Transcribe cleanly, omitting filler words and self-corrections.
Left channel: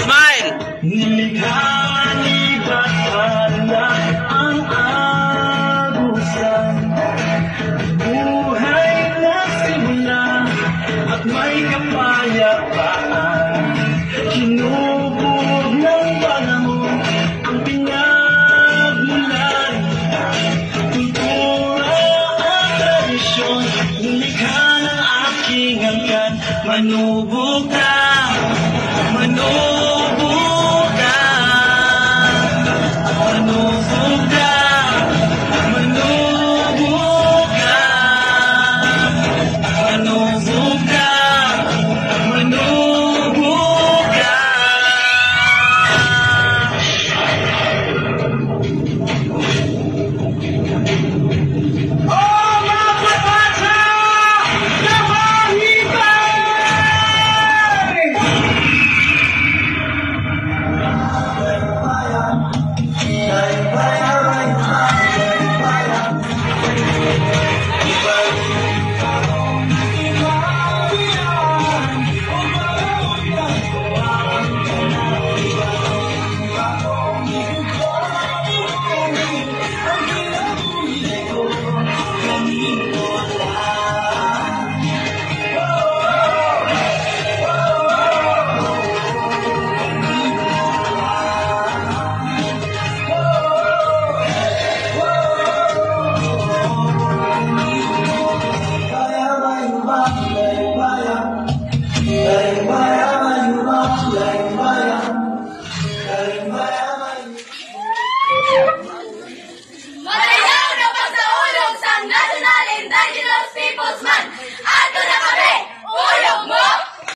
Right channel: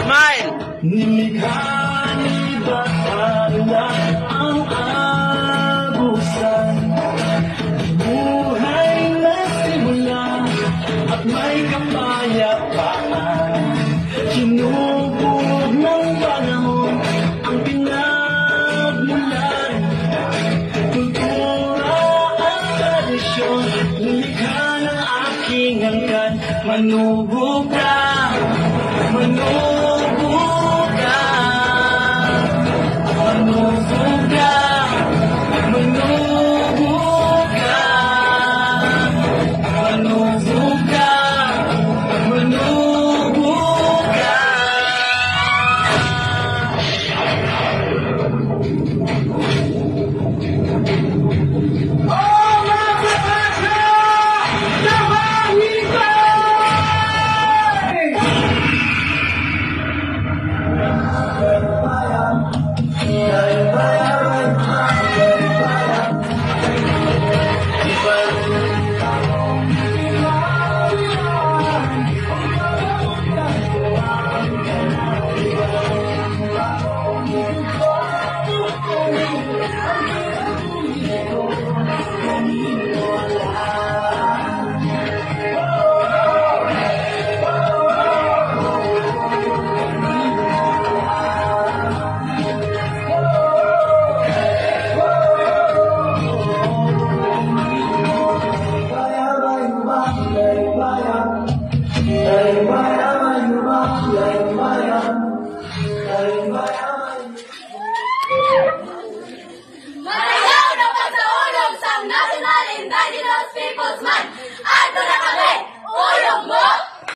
Smile! Nilikha ni Bathala ang abusan. Buhay na simula at may kapayapaan. Hinubog ng panahon ang pinagmulan. Kultura at tradisyon, nilikha ng aking angkan. Manubog ka, manubog ka, manubog ka, manubog ka, manubog ka, manubog ka. Matayaw na pagsaulog sa National Indigenous Peoples Month!